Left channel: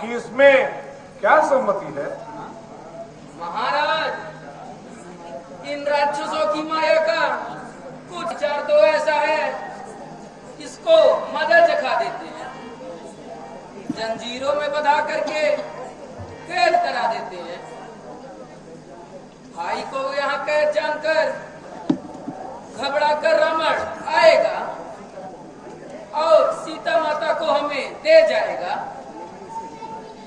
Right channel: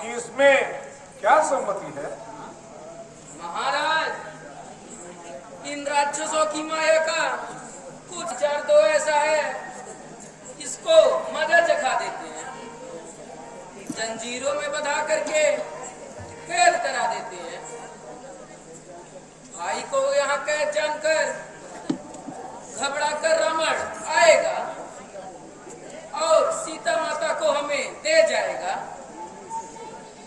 आपकी इसमें क्या सम्मति है? महाराज, इन राक्षसों की माया का कुछ विचार तो ऐसा है, इसको मदद चखा देते हैं, जंजीरों में बंधा करके कैद करा देते हैं। भाई को यहाँ कैद जानकर घबरा कर रावण आएगा और सीता माता को हमें दे जाएगा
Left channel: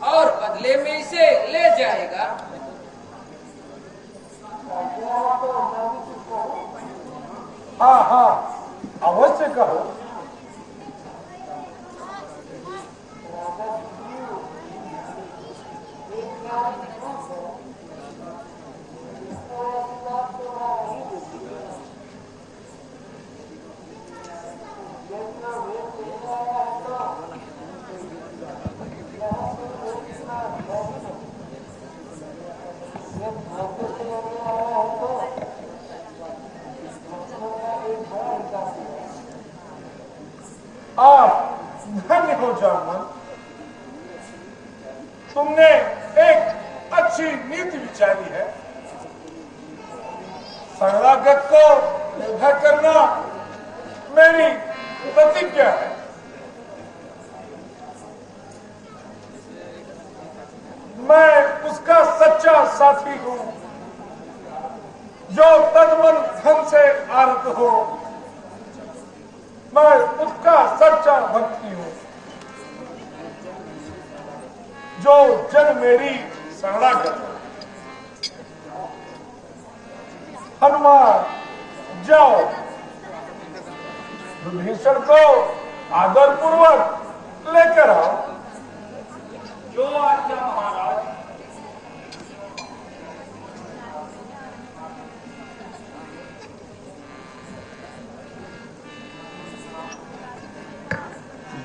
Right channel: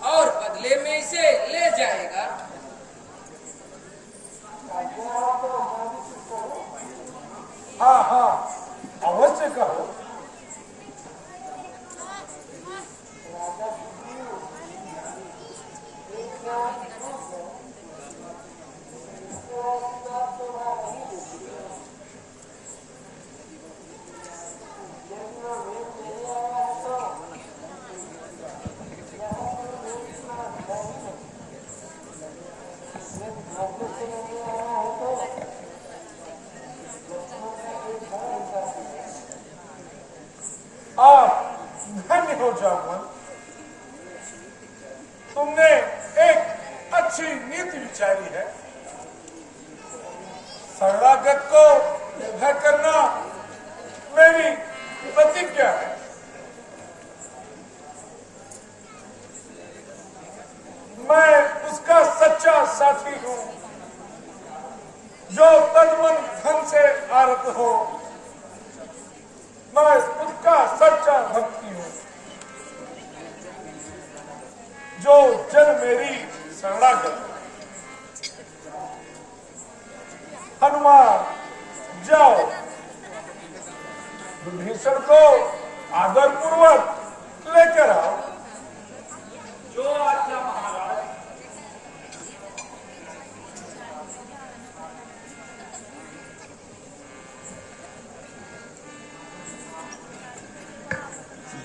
और बदले में इसे ले जाएगा। हाँ हाँ, अवश्य कहो। आप धन्य हो जामुन, तुमने एक अच्छी नीति विचारी है। शरणागत को निर्भय करना मेरी प्रतिज्ञा है। मैं उसका सच्चा साथी हूं जो तन-मन धन से आरत हो। मैं उसका सच्चा भक्ति हूं जो जन मेरी शरणागत है। हनुमान, जाओ, विभीषण को आदर पूर्वक लेकर आओ। जो आज्ञा महाराज।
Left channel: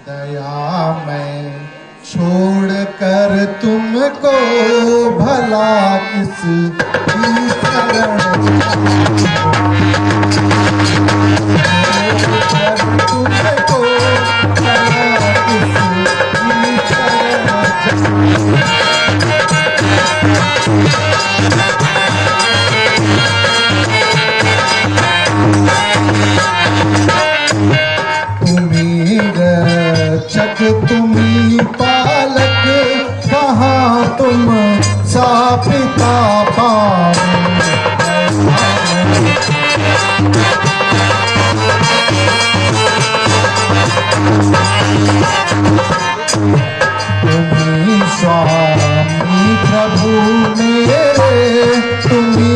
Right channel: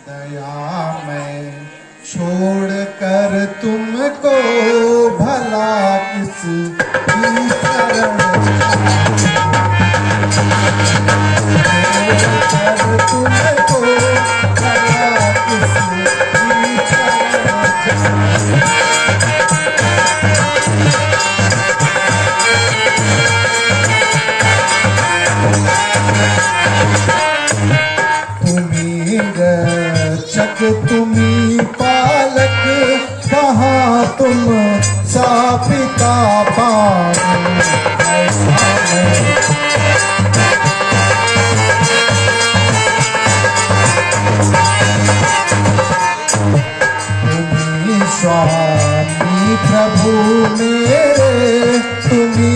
दया मैं छोड़ कर तुमको भला किस की शरण तुमको भला किस की शरण तुम्ही पालक कहाँ तुम सा पिता तुम्ही स्वामी प्रभु मेरे तुम्ही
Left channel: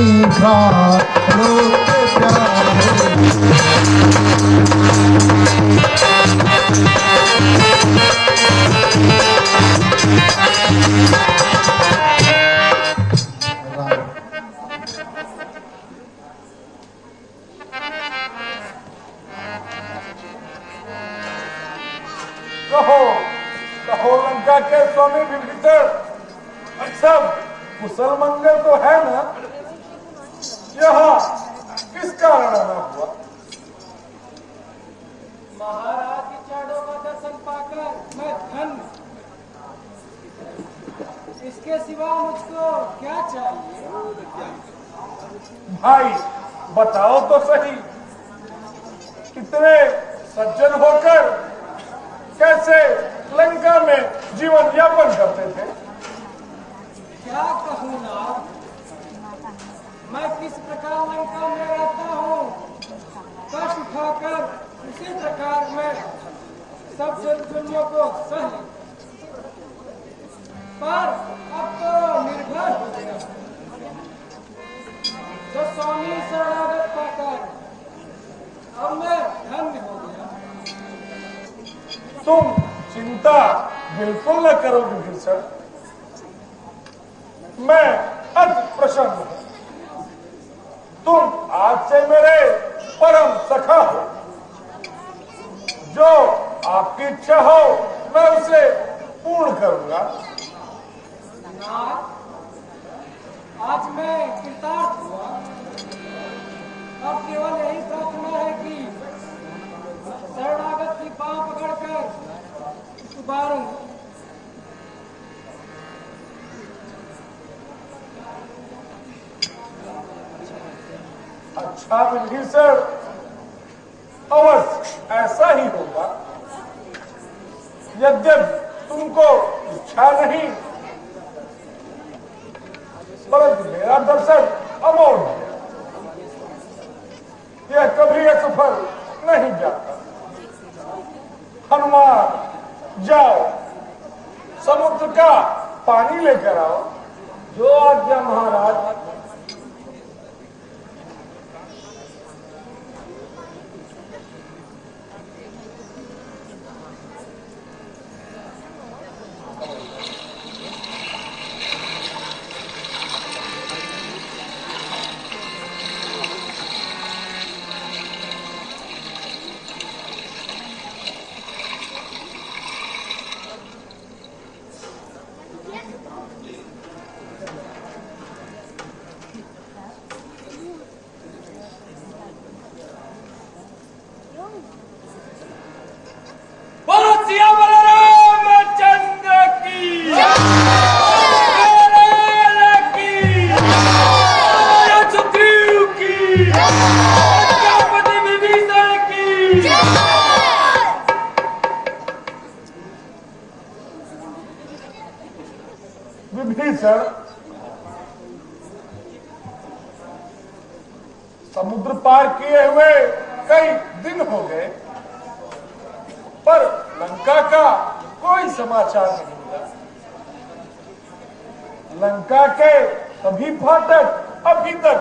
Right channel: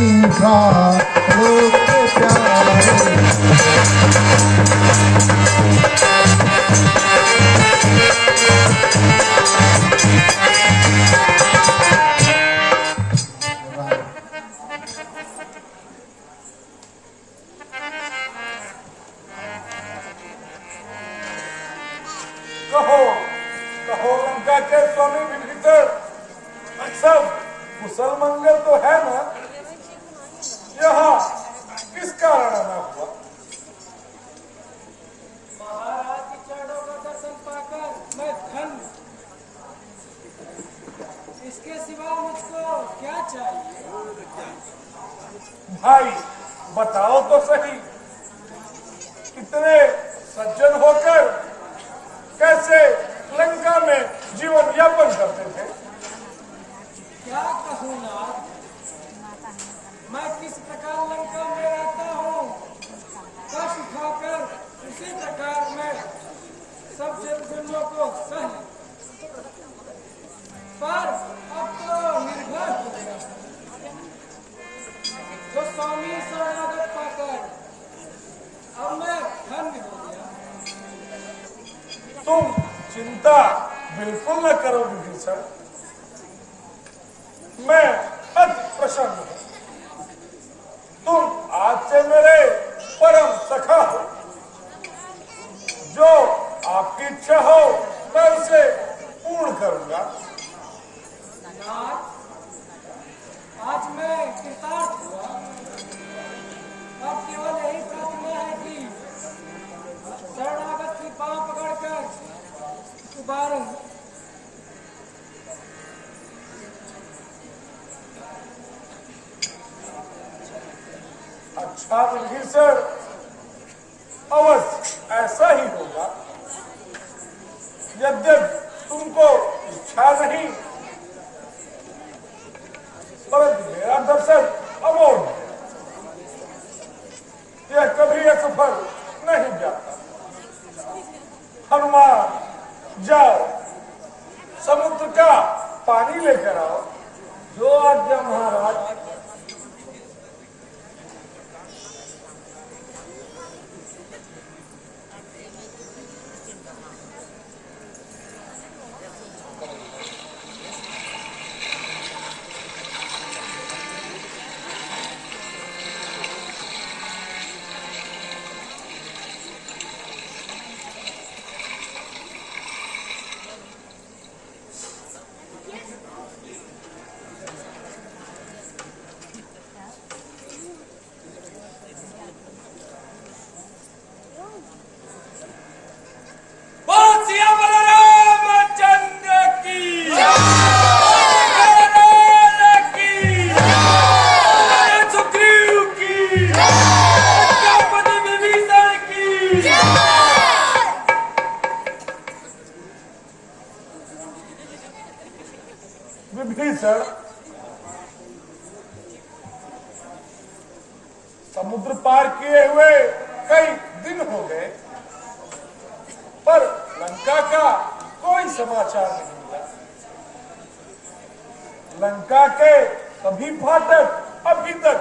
कहो लंका के स्वामी विभीषण, सब कुशल मंगल तो है ना? यहाँ किस कारण आना हुआ? महाराज की चरणों का दर्शन पाकर मैं धन्य। इसके सिवा मुझको क्या चाहिए? भाई बताओ तो सही, इतने सज्जन होकर कैसे लंका में जीवन यापन करते थे? क्या कहूँ नाथ, मैं किस प्रकार लंका में रहता हूँ, कष्ट उठाकर उसी प्रकार मैं सब जुल्मों को सह लूं। पर अब तो निर्भर हो गया, जो स्वामी शरणागत पाकर अब मैं धन्य हो गया। तुम चिंता बिल्कुल न करो विभीषण, मैं अति प्रसन्न हूं। तुम आज से मेरे परम सखा हो। जो आपकी इच्छा हो मैं उसे पूर्ण करूंगा। नाथ, आज मैं कृतार्थ हुआ। अब केवल यही प्रार्थना है कि शरणागत की बांह पकड़कर उबारूं अर्थात विभीषण अवश्य ऐसा ही होगा। यद्यपि तुमको इच्छा नहीं, परंतु मेरा दर्शन अमोघ है, यह कभी असफल नहीं जाता। हनुमान जाओ, समुद्र का पानी लेकर आओ। जो आज्ञा महाराज। विभीषण, समुद्र पार किए हुए कई दिन हो गए, पर लंका का कोई समाचार नहीं मिला। लंका के सभी फाटक अभी तक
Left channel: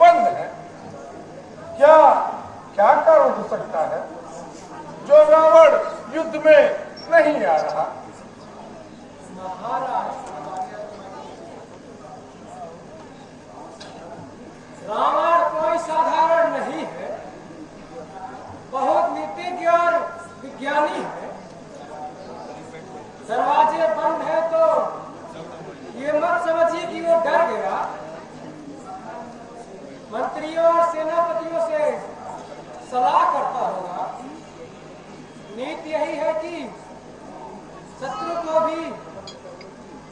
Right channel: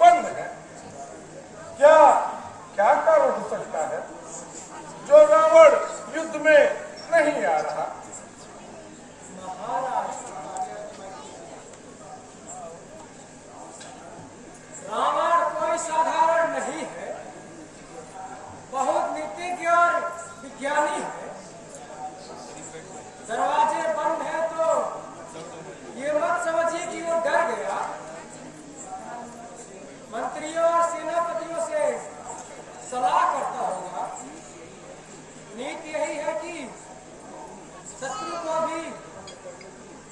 बंद हैं। क्या क्या कारण हो सकता है जो रावण युद्ध में नहीं आ रहा? महाराज, रावण कोई साधारण नहीं है, बहुत नीतिज्ञ और विज्ञानी है। दरवाजे बंद है तो ये मत समझिए कि वो डर गया। मंत्रियों और सेनापतियों से सलाह करता होगा। नीति यही है कि शत्रु को भी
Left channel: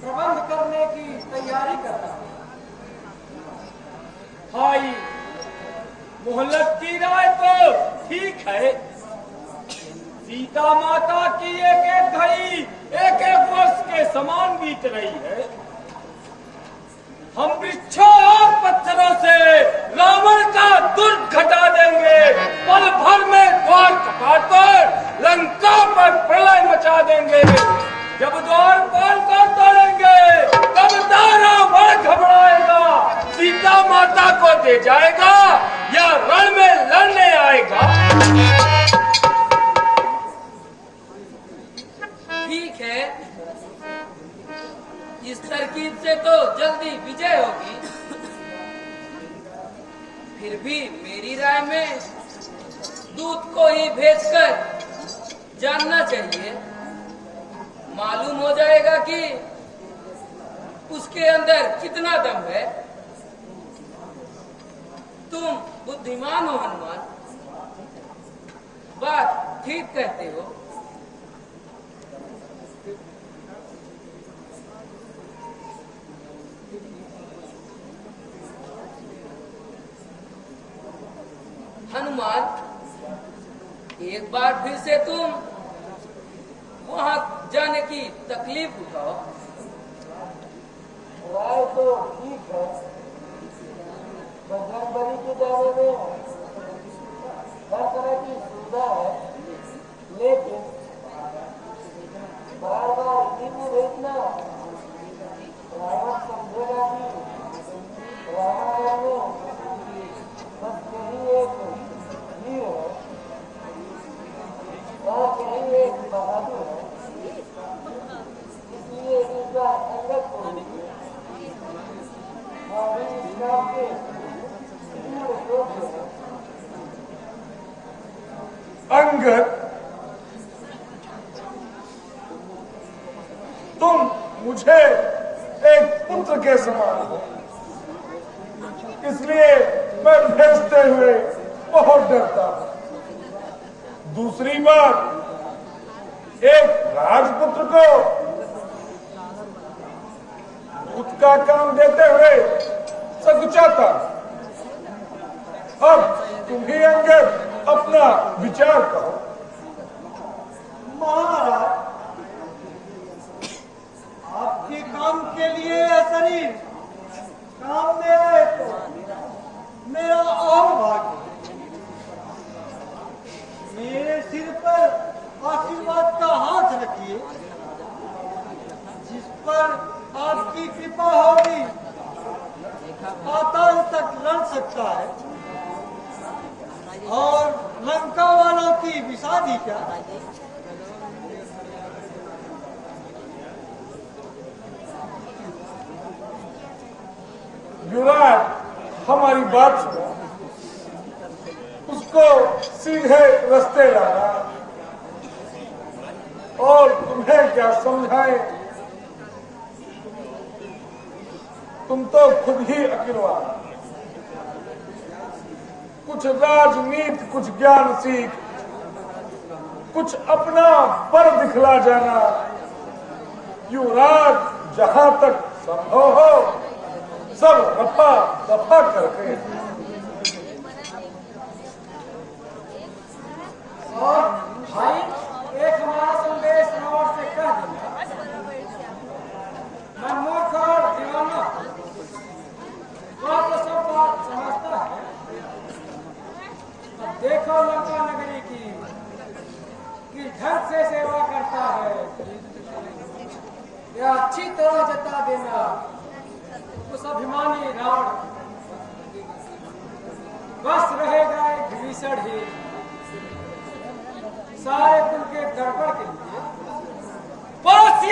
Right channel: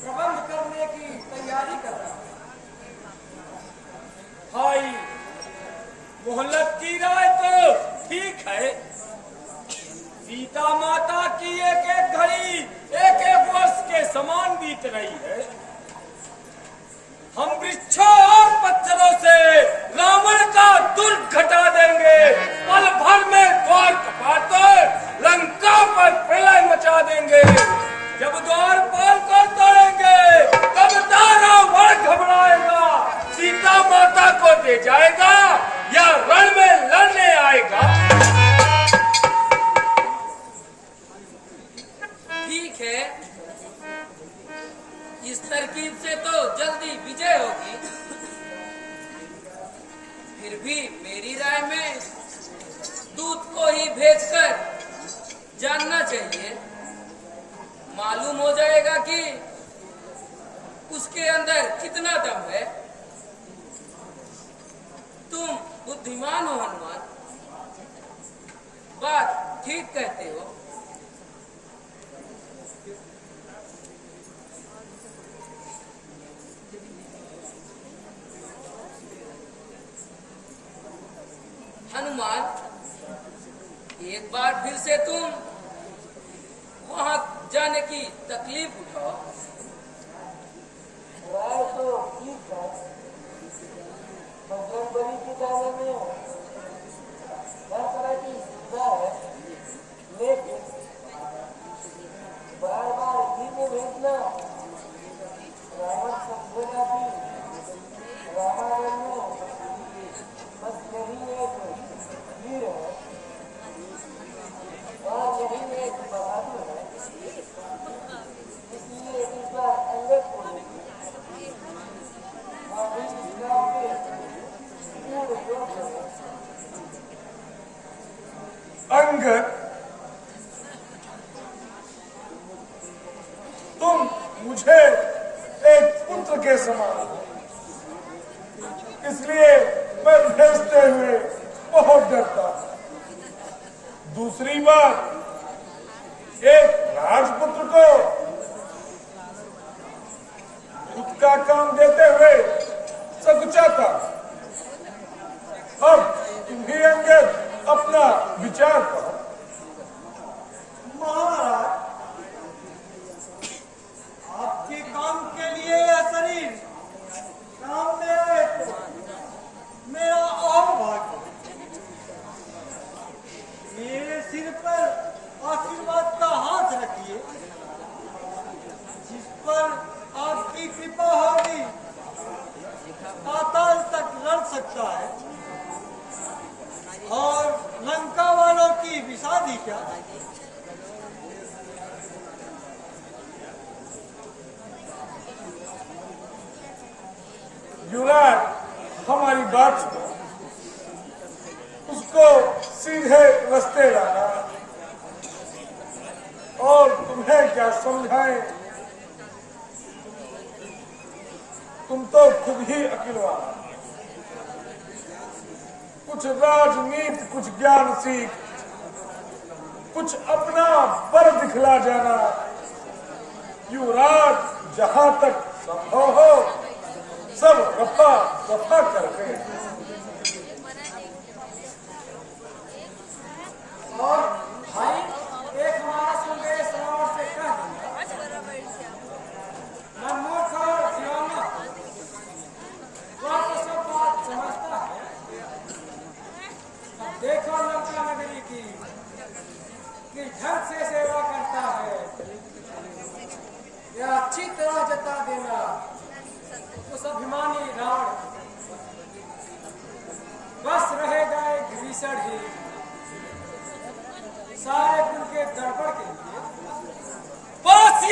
प्रबंध करने की तैयारी करता है। भाई, मोहल्लत की राय तो ठीक है। सीता माता की एक एक घड़ी एक एक वर्ष के समान बीत रही है। हम वृक्षों और पत्थरों से रावण का दुर्ग घटा देंगे। पल भर में द्वार कपाट कर लंका पर प्रलय मचा देंगे। जब द्वार पाल कर तोड़ेंगे तब रावण घबराएगा, सीता माता को दे जाएगा या रण में लड़ने आएगा। ठीक है, इस तरकीब से तो जल्दी विजय होगी। फिर भी मेरी राय में दूत को ही भेजकर जानना चाहिए। मालूम हो जाएगा कि उसके अंदर कितना दम है। तुम बुद्धिमान हो हनुमान, बात ठीक कहते हो। हनुमान, एक बार फिर से तुम वहां जाने की तकलीफ उठाओ। राय तो ठीक है, बजरंग बली के दायरे में हर तरह की सुविधा है, लेकिन बार बार इसी को भेजना रावण समझेगा कि रामायण में बस यही एक वीर है और यही एक बहादुर है। इसलिए इस बार अंगद को हमारी इस्लाम के पूर्ण जोश है। अंगद, तुम मुझे एक पुत्र के समान हो, इसलिए मैं भेजते हुए बहुत डरता हूं। दूसरी बात, एक राजपुत्र को दूत का काम देते हुए सकुचाता। अब तुम ही अंगद अपना विचार कहो। महाराज, आपके काम के लिए यह शरीर काम में आए तो मेरा और भाग्य। मेरे सिर पर आशीर्वाद का हाथ रखिए, जिस पर आपकी कृपा होगी पाताल तक लड़ सकता है, और लंका वालों की विषादी क्या। युवराज हमारी बात सुनो, उसको सीधे रास्ते लाना, और तुम्हें क्या समझाएं, तुम तो खुद ही अकेलवा। कुछ राजनीति, कुछ ज्ञान सीख, कुछ अपना पर दिखला जाना। युवराज जहां तक संभव हो सब रफा दफा करके। और भाई, एक हमारा संदेश रावण से कह देना, मैं मूर्ख और दीवाना, वह तो सब बात समझता है। अब देखो लंका नगरी की किस ढंग से सेवा करता है, यह अच्छी तरह जता देना उस अभिमानी रावण। बस रहेगा एक विभीषण ही सारे कुल के दर्पण के लिए। बस